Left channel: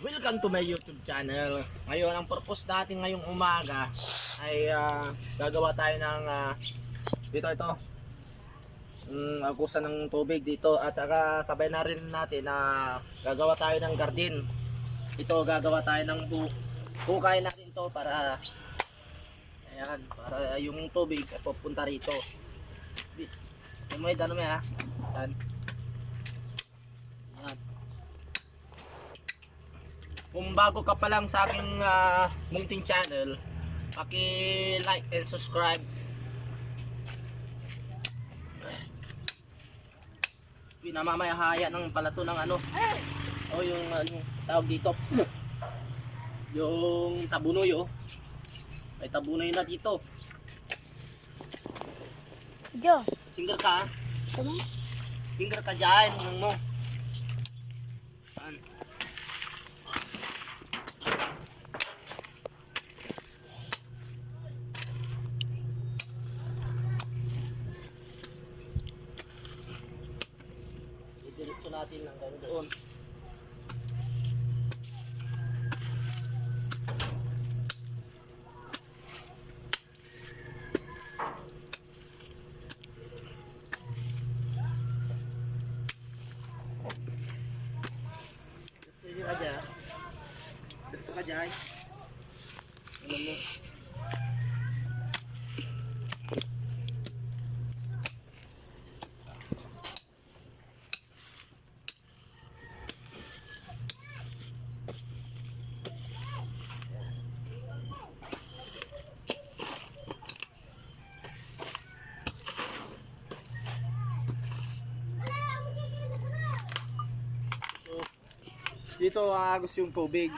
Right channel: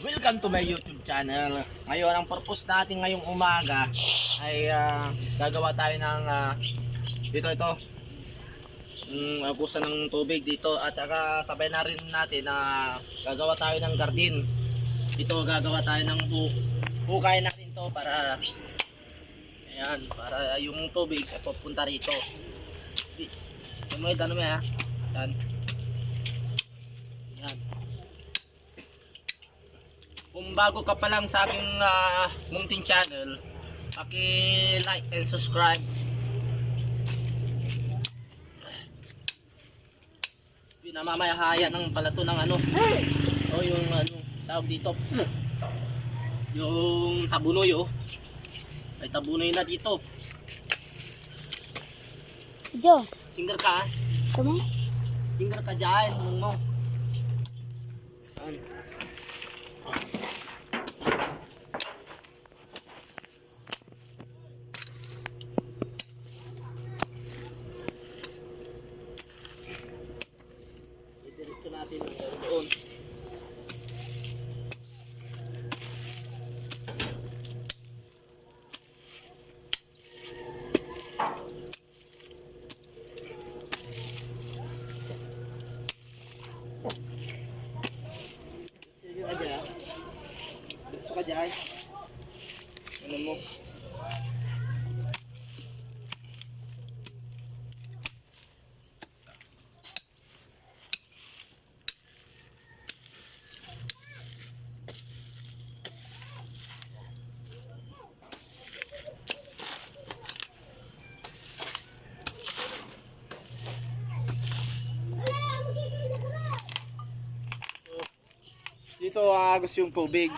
Welcome to my YouTube channel. Ngayon, ang purpose natin ngayong umaga ay gagawa tayo ng ito agusan ng tubig dito at saka sabay na rin natin na gagawa tayo ng garden. Ito gagawa tayo ng hukay natin to para ayan, para yung tubig ay pupunta rito. May ano may ha? Yan. Yan. Kung bago ka pa lang sa aking munting channel, paki-like and subscribe. Pinamamayahaya ng palato ng ano. O yung ano tawag dito. Yung tabunoy oh. May tabunoy na dito. Jo, Singer ka ha? tama? Singer ka dyan, mo. Yan. Diretso natin hanggang doon. Diretso ka dyan. Ano mo? Dito agos yung tubig.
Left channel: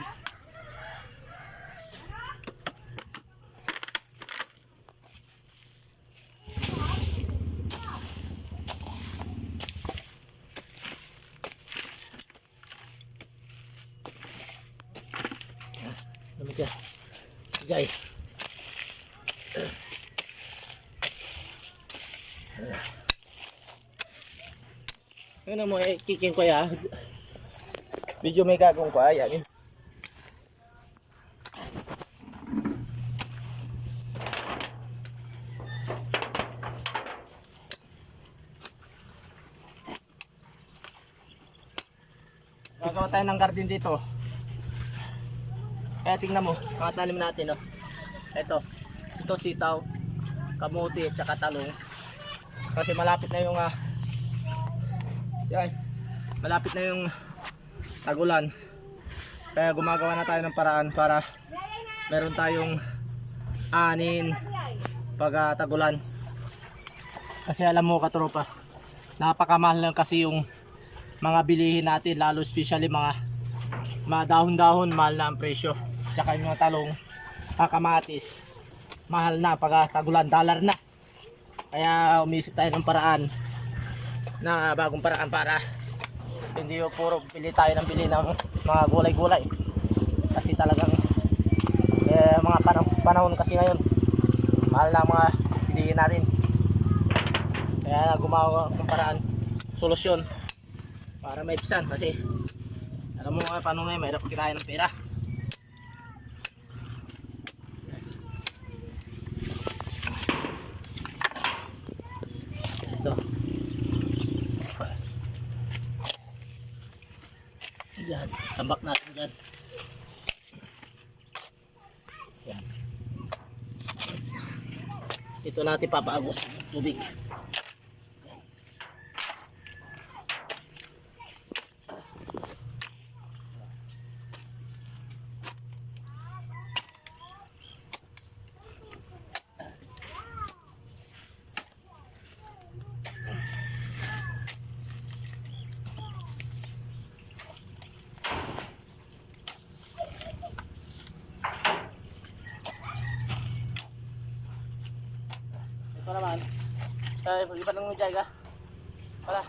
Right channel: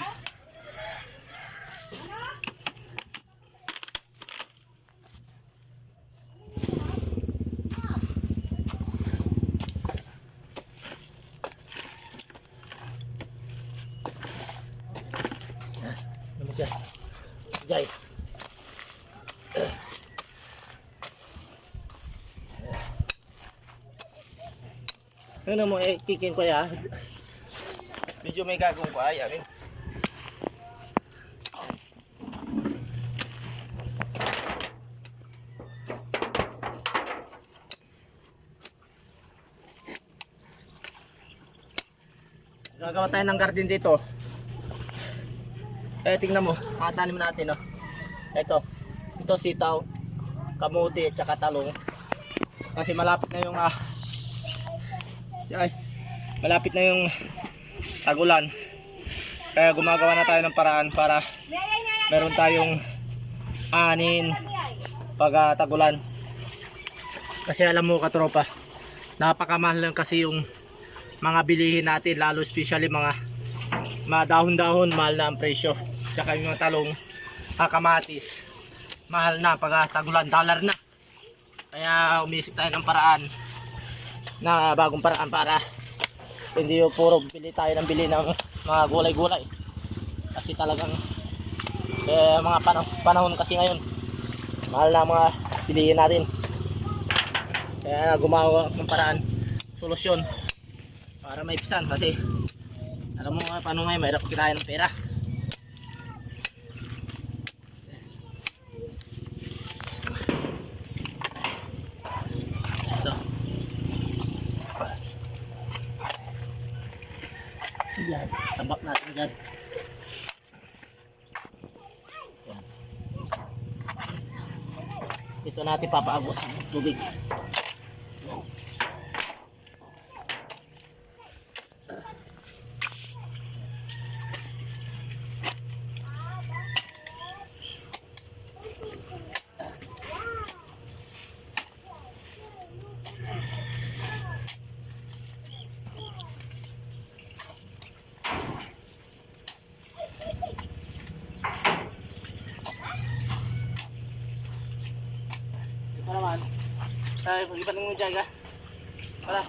Ano dyan? Jai. Ano mo kiking ko ya? Medyo may gagong ko ay amin. Gagawa tayo ng garden dito. Kaya tingnan mo, mga tanim natin oh. Ito sitaw, kamuti at saka talong. Kasi malapit na yung malapit na yung tagulan. Kaya gumagawa na tayo ng paraan para meron tayong anin pag tagulan. Kasi alam mo katropa, napakamahal lang kasi yung mga bilihin natin, lalo especially mga dahon-dahon, mahal na ang presyo. Tsaka yung mga talong, kamatis, mahal na pag tagulan, dollar na. Kaya umisip tayo ng paraan, na bagong paraan para hindi yung puro bili tayo ng bili ng mga gulay-gulay. Kasi talagang mga panahon kasi ngayon, mahal na mga bilihin natin. Kaya gumawa ng paraan, solusyon para maipsan. Kasi alam mo nga paano ngayon, mahirap kita ng pera. Ito. Yan, tambak natin dyan. Yan. Ito natin papaagos ng tubig. Ito naman. Tayo, pag-ipat ng mga ka. Para.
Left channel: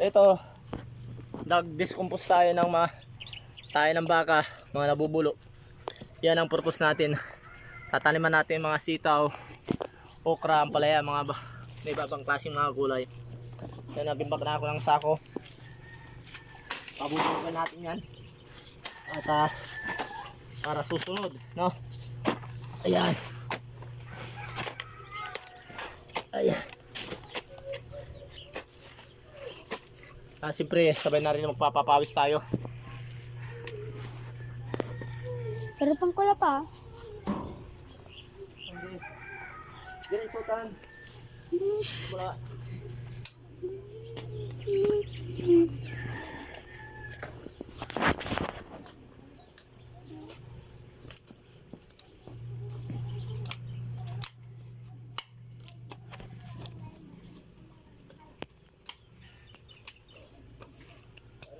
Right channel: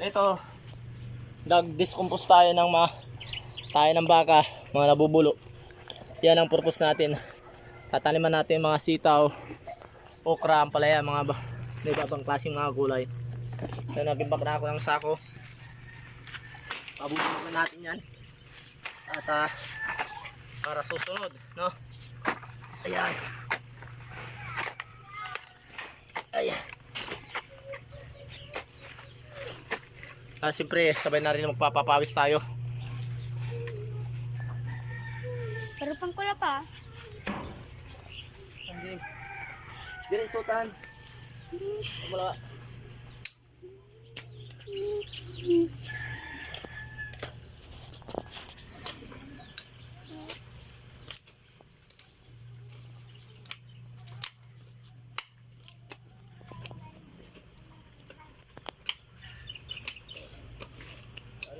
Ito. Nag-discompose tayo ng baka, mga nabubulo. Yan ang purpose natin. Tataniman natin mga sitaw, okra, ampalaya, mga ibang klaseng mga gulay. So nagimbak na ako ng sako. Pabubukan natin yan. At para susunod, no? Ayan. Ayan. Siyempre, sabay na rin magpapapawis tayo. Pero pangkula pa. Hindi. Dire isutan. Wala.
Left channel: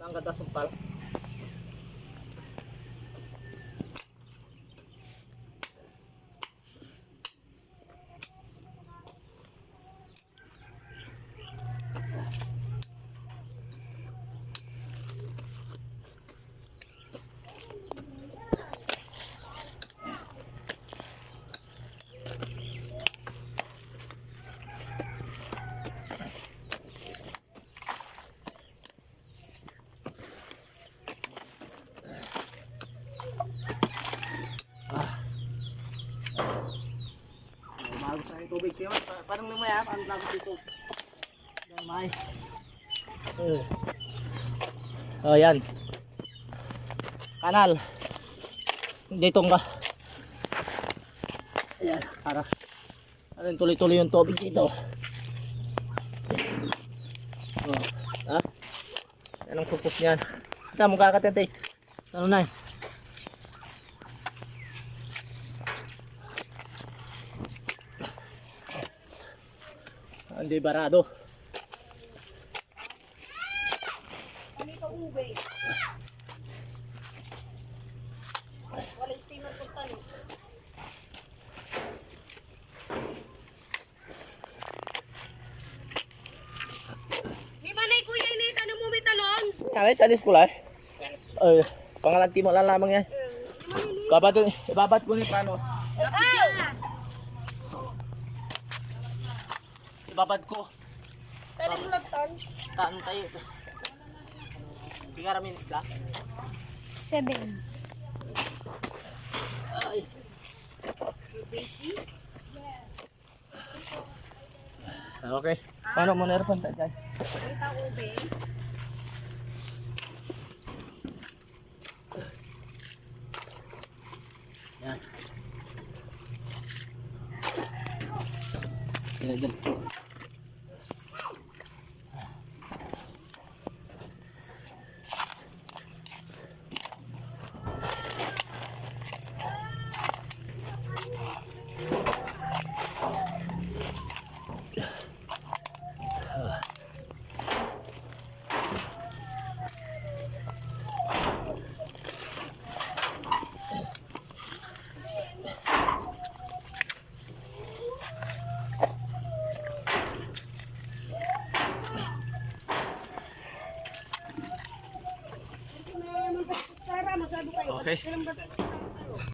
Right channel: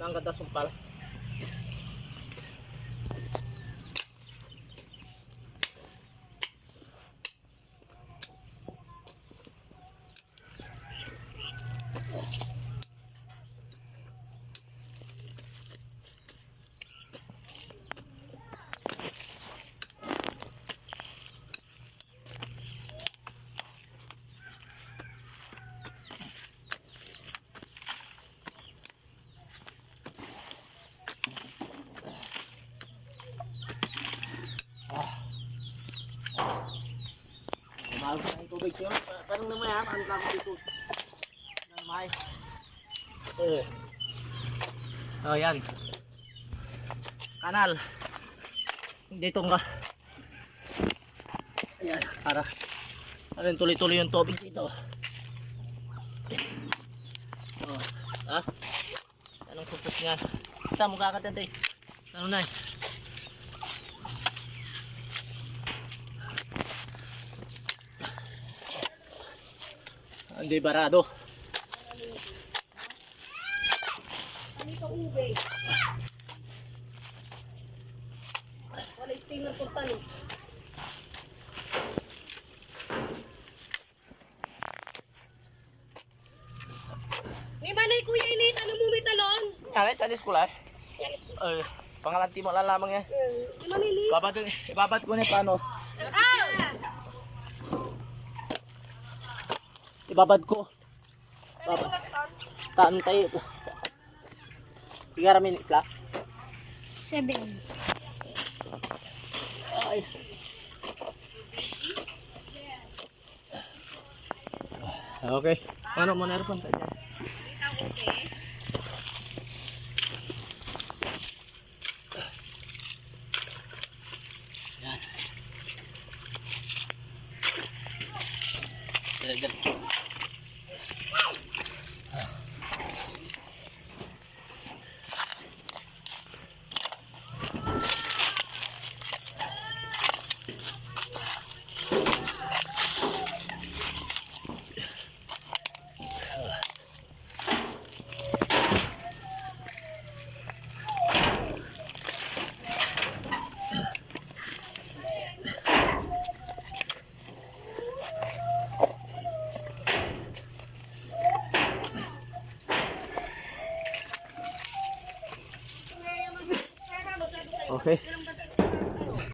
Ano ang ganda sumpal? Mahal sa yung tubig siya. Parang namaya, parang lagot dito. Namay. Oh, yan. Kanal. Dito nga. Ayan, para tuloy-tuloy yung tubig dito. Oh, ah. Yan ang purpose niyan. Ito, mukha ka tente. Ano na eh. Hindi barado. Kami ka ube. Wala steamer kung tali. Ni manay kuya ini tanong mo may talon. Kaya chalis ko lang. Pangalanti mo lang lamang yan. Ni mamili. Ibabat ko ni paano. Ibabad ko. Tali ko lagtan. Taan tayo ito. Tigara minutes lang. 7. Ay. Okay. Paano mo na-aircon tayo dyan? Yan. Yan. Okay.